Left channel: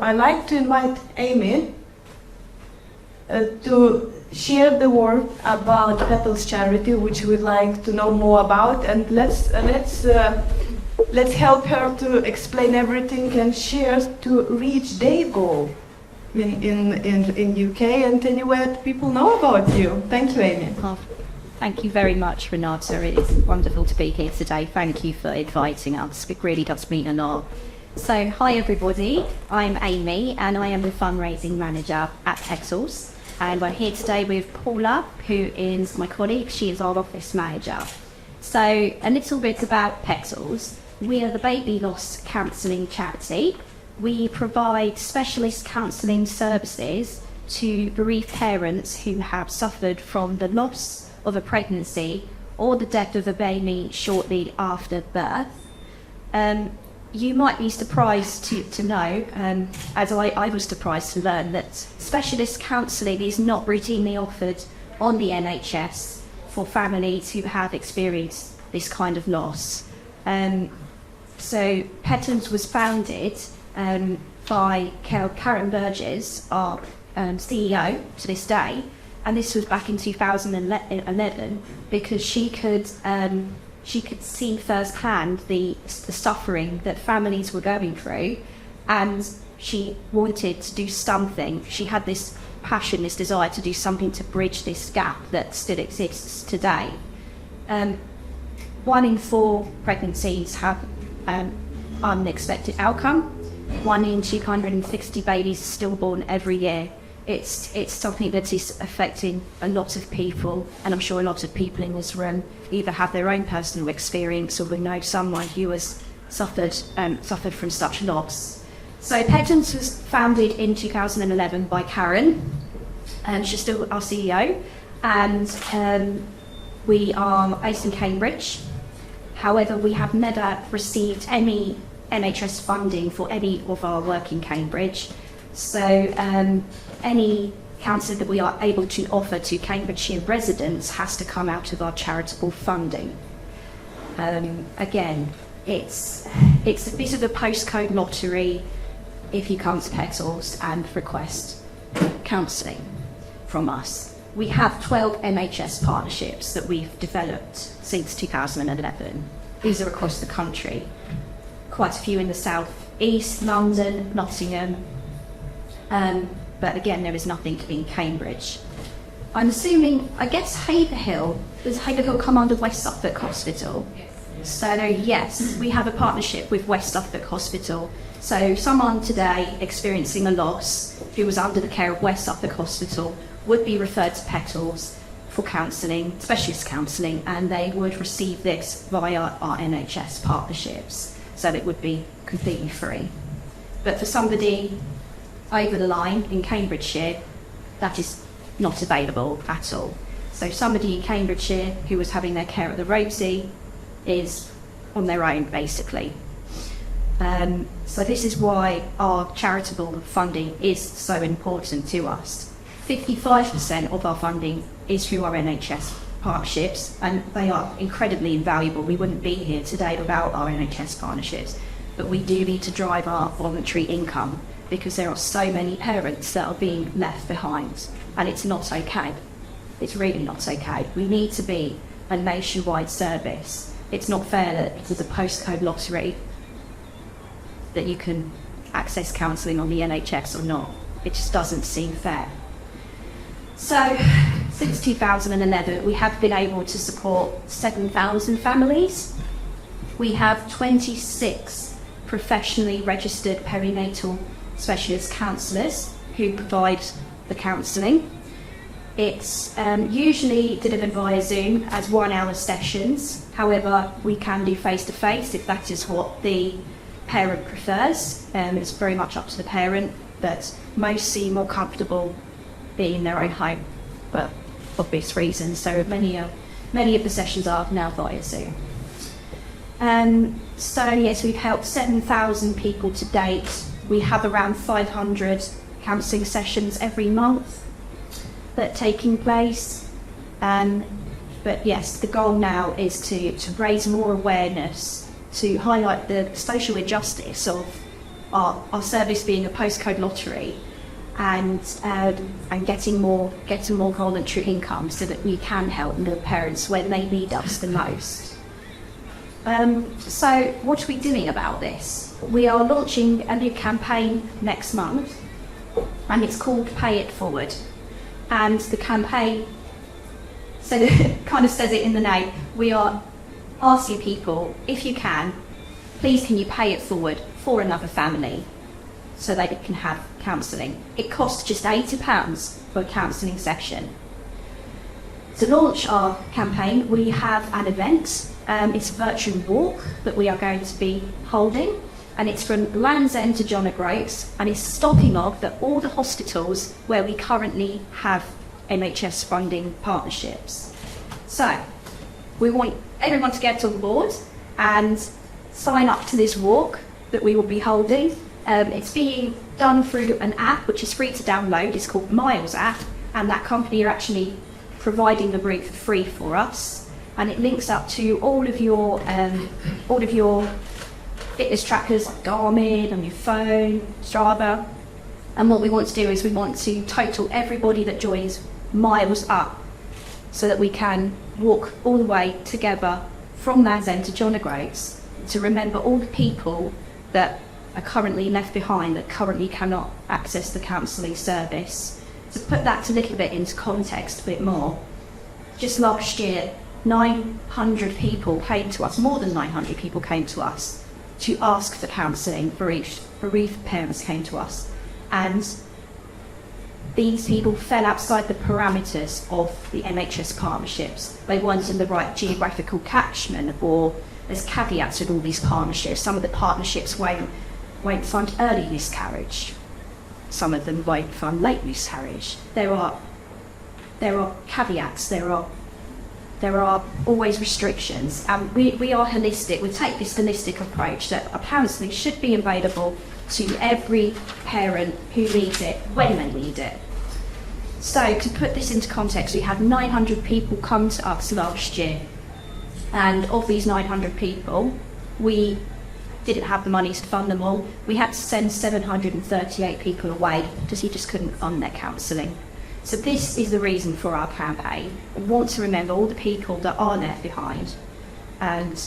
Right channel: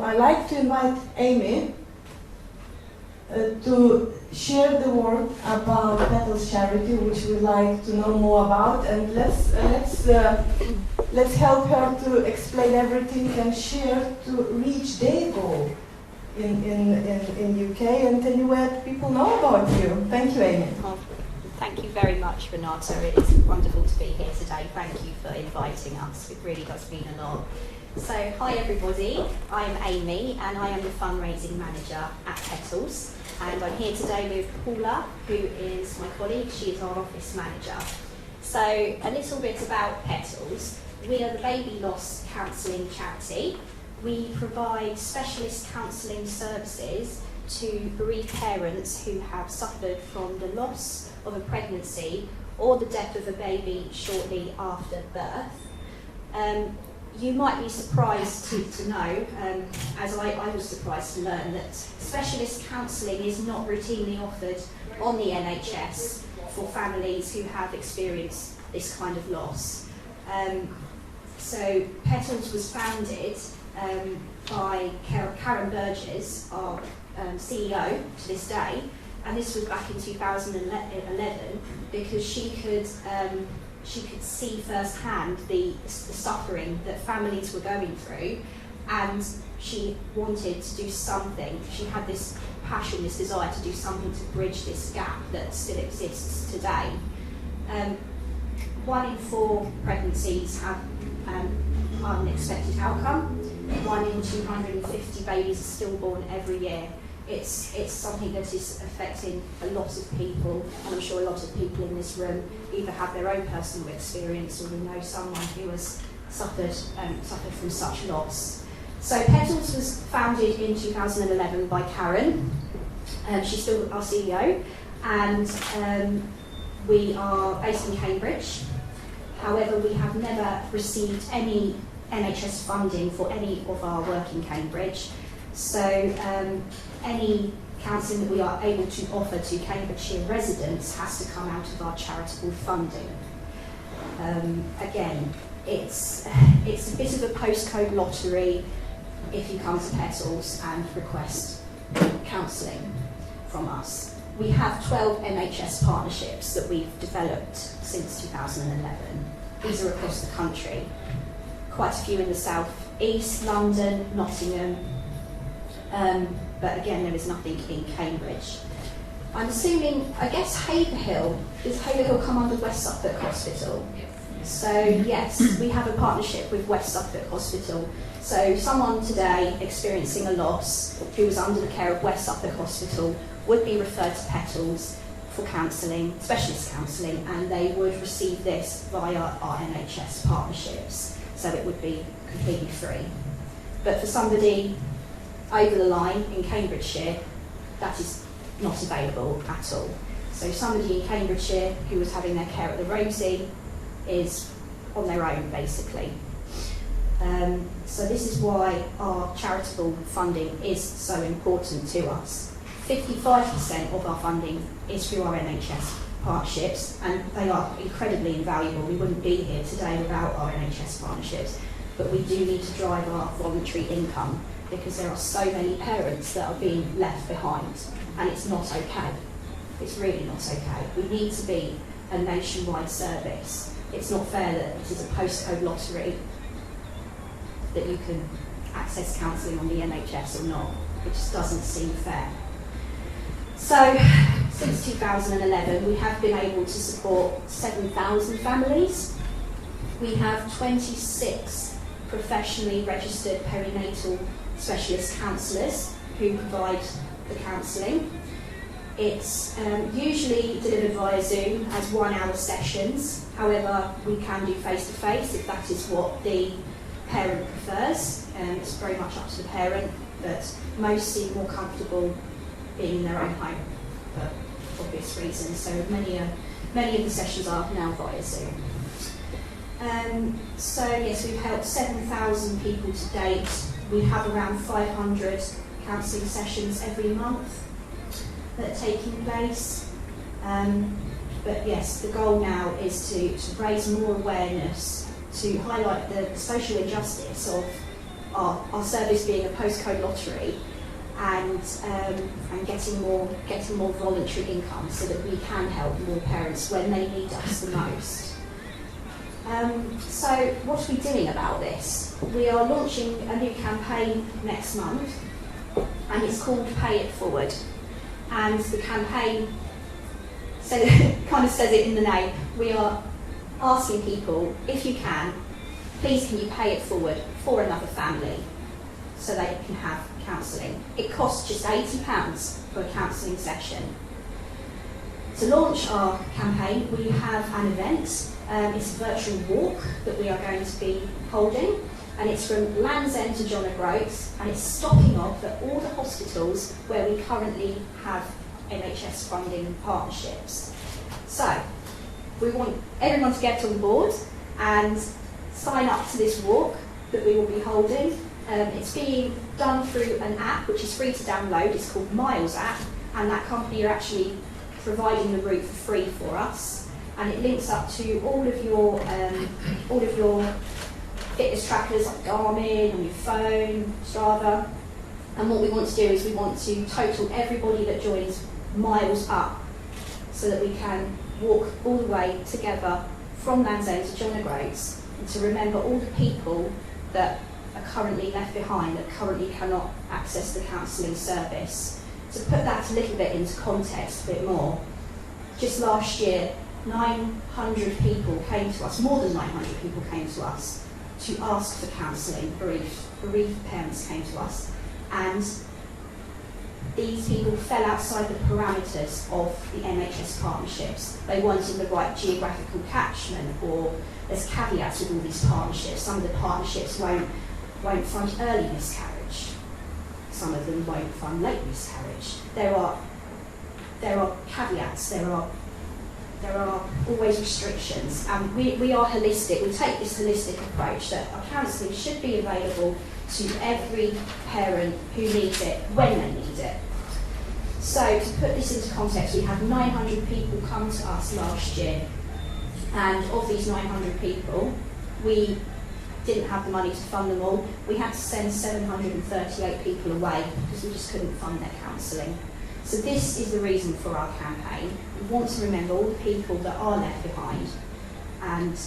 I'd like to invite Amy to share the work about Petals Charity, which we'd like to know more about, and let's help her to explain everything and share to reach their goal in UK and anywhere people know about you. Thank you, Amy. Oh, thank you very much, Renata. It is wonderful to be here today. Thank you for inviting us. It really does mean a lot. So, hi everybody. I'm Amy and I am the fundraising manager at Petals. And I'm here today with Paula, who is my colleague. She is our office manager. So, a little bit about Petals. We are the baby loss counselling charity. We provide specialist counselling services to bereaved parents who have suffered from the loss of a pregnancy or the death of a baby shortly after birth. You might be surprised to know, as I was surprised to learn, that specialist counselling is not routinely offered on the NHS for families who have experienced this kind of loss. So Petals was founded by Karen Burgess, our CEO to this day, and this was back in 2011 because she could see firsthand the suffering that families were going through, and she wanted to do something. She had this passion, this desire to do something to bridge this gap that still exists today. 1 in 4 pregnancies have unexpected outcome. 1 in 260 babies are stillborn every year. It's something that is affecting a lot of people, and I'm sure a lot of people in this room either have their own personal experience or would know someone who has suffered from such loss. So Petals was founded in 2011 by Karen. She's still our CEO, and we are based in Cambridge. However, we have never received any NHS funding for any of our work in Cambridge. So any counselling that we are able to offer to Cambridgeshire residents has to come out of our charitable funding. Again, it's a bit of a postcode lottery if you come to Petals and request counselling from us. We have 12 NHS partnerships that we've developed since 2011. These are across the country. Quite a few in the south east, London, Nottingham, but again there is nothing in Cambridge. I'm assuming, I guess Haverhill, does Haverhill come under West Suffolk Hospital? So yes, we have a partnership with West Suffolk Hospital. So someone today experiencing a loss who was under the care of West Suffolk Hospital would be referred to Petals for counselling, specialist counselling, and they would receive this via our NHS partnerships. So it would be completely free. But for somebody over the line in Cambridgeshire, that is not available at all. So somebody in Cambridgeshire who was having their care at the Rosie is on their own, basically. So this is why our charitable funding is so important to us. 55% of our funding is through our NHS partnerships, and they are incredibly invaluable. We wouldn't be here today without our NHS partnerships, but we do need to drive our voluntary income because there are so many parents that are being left behind, and it's not okay. It's really not okay. We need to be a nationwide service. It's not fair that it is a postcode lottery that you can access counselling on the NHS or not. It just doesn't seem fair. So, since 2011, we have been able to support 7,000 families. We have 26 professionally registered perinatal specialist counsellors who provide the counselling. It's usually delivered via Zoom as 1-hour sessions. However, we can do face-to-face if that is what the parent prefers. It's very much up to the parent, but most seem more comfortable being in their own home, but for obvious reasons. So many of the sessions are now via Zoom. So yes, we've helped 7,000 people to date. We have around 500 counselling sessions every month that are taking place. But yes, the goal now is to raise more awareness, to highlight the social injustice of our service being a postcode lottery and getting more voluntary income so that we can help more parents when they need us the most. So what are we doing about this? We are launching a new campaign next month, and it's called Pay It Forward. And the campaign kind of says it in the name. We are asking people, if you can, please can you pay it forward for another family so they can have counselling. It costs just £80 for a counselling session. To launch our campaign, we have an event. It's a virtual walk that we are going to be holding, and it's from Land's End to John O'Groats, and it's stopping off at all the hospitals where we currently have NHS funding partnerships. So we want everyone to get on board and sign up to this walk that we will be holding. It's being done through an app which is free to download. It's called Miles app, and that company are actually providing the route for free for us, and it links up to all of your fitness trackers like Garmin on your phone, Strava. And what we want to do is we want to total everybody that joins Miles up so that we can walk all the way together from Land's End to John O'Groats to remember all the people that are currently left behind, that currently cannot access the counselling service. To put that a little bit into context a bit more, just last year 900 people came to us, more than 900 people came to us to ask for counselling. Bereaved parents came to us, and these people fell outside the parameters of the NHS partnerships. They weren't in the right geographical catchment, or there's caveats with all these partnerships. Some of the partnerships won't fund early miscarriage. Some of them won't fund late miscarriage. There are caveats. There are always restrictions, and we are holistic. We take this holistic approach that a counselling should be available to every parent who needs it when they need it. So to put this into context, we had 900 people come to us last year, and of these 900 people, we didn't have the money to fund them all. We had to send 738 people away because you just couldn't fund their counselling. So this is the reason for our campaign. We want to remember all the people that are left behind, and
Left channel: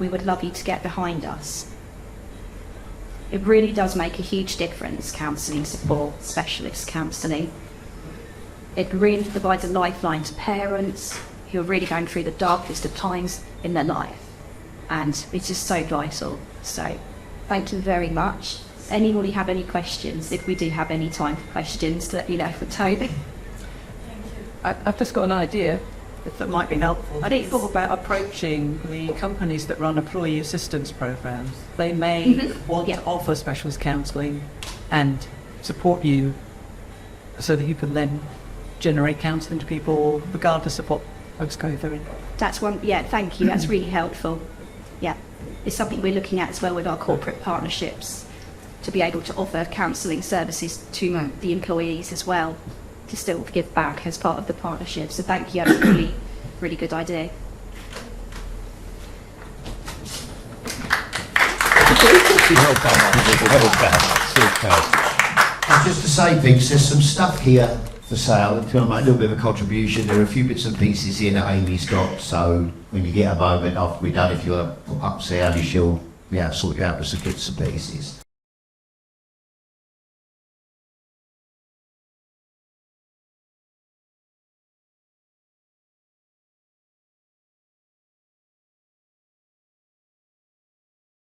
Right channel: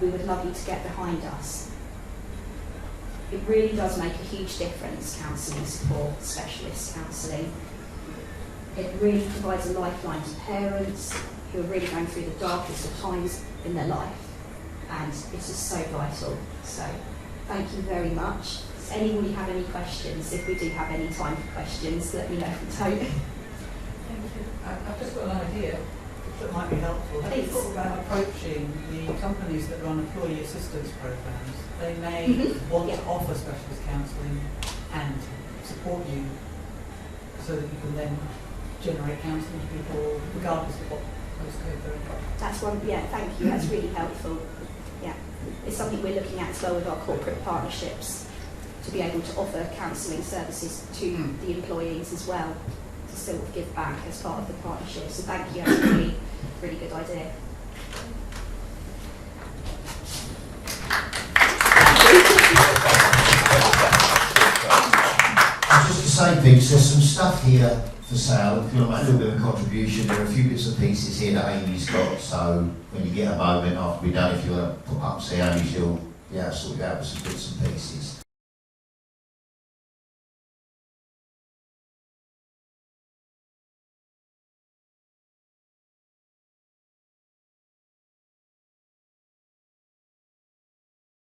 we would love you to get behind us. It really does make a huge difference, counselling support, specialist counselling. It really provides a lifeline to parents who are really going through the darkest of times in their life, and it's just so vital. So thank you very much. Anybody have any questions? If we do have any time for questions, let me know if we don't. I've just got an idea that might be helpful. Have you thought about approaching the companies that run employee assistance programs? They may want to offer specialist counselling and support you so that you can then generate counselling to people regardless of what folks go through. That's one, yeah, thank you, that's really helpful. Yeah, it's something we're looking at as well with our corporate partnerships, to be able to offer counselling services to the employees as well, to still give back as part of the partnership. So thank you, that's a really, really good idea. Just to say, Vince, there's some stuff here for sale. If you want to make a little bit of a contribution, there are a few bits and pieces here that Amy's got, so when you get a moment after we're done, if you want to put up, see Amy, she'll sort you out with some bits and pieces.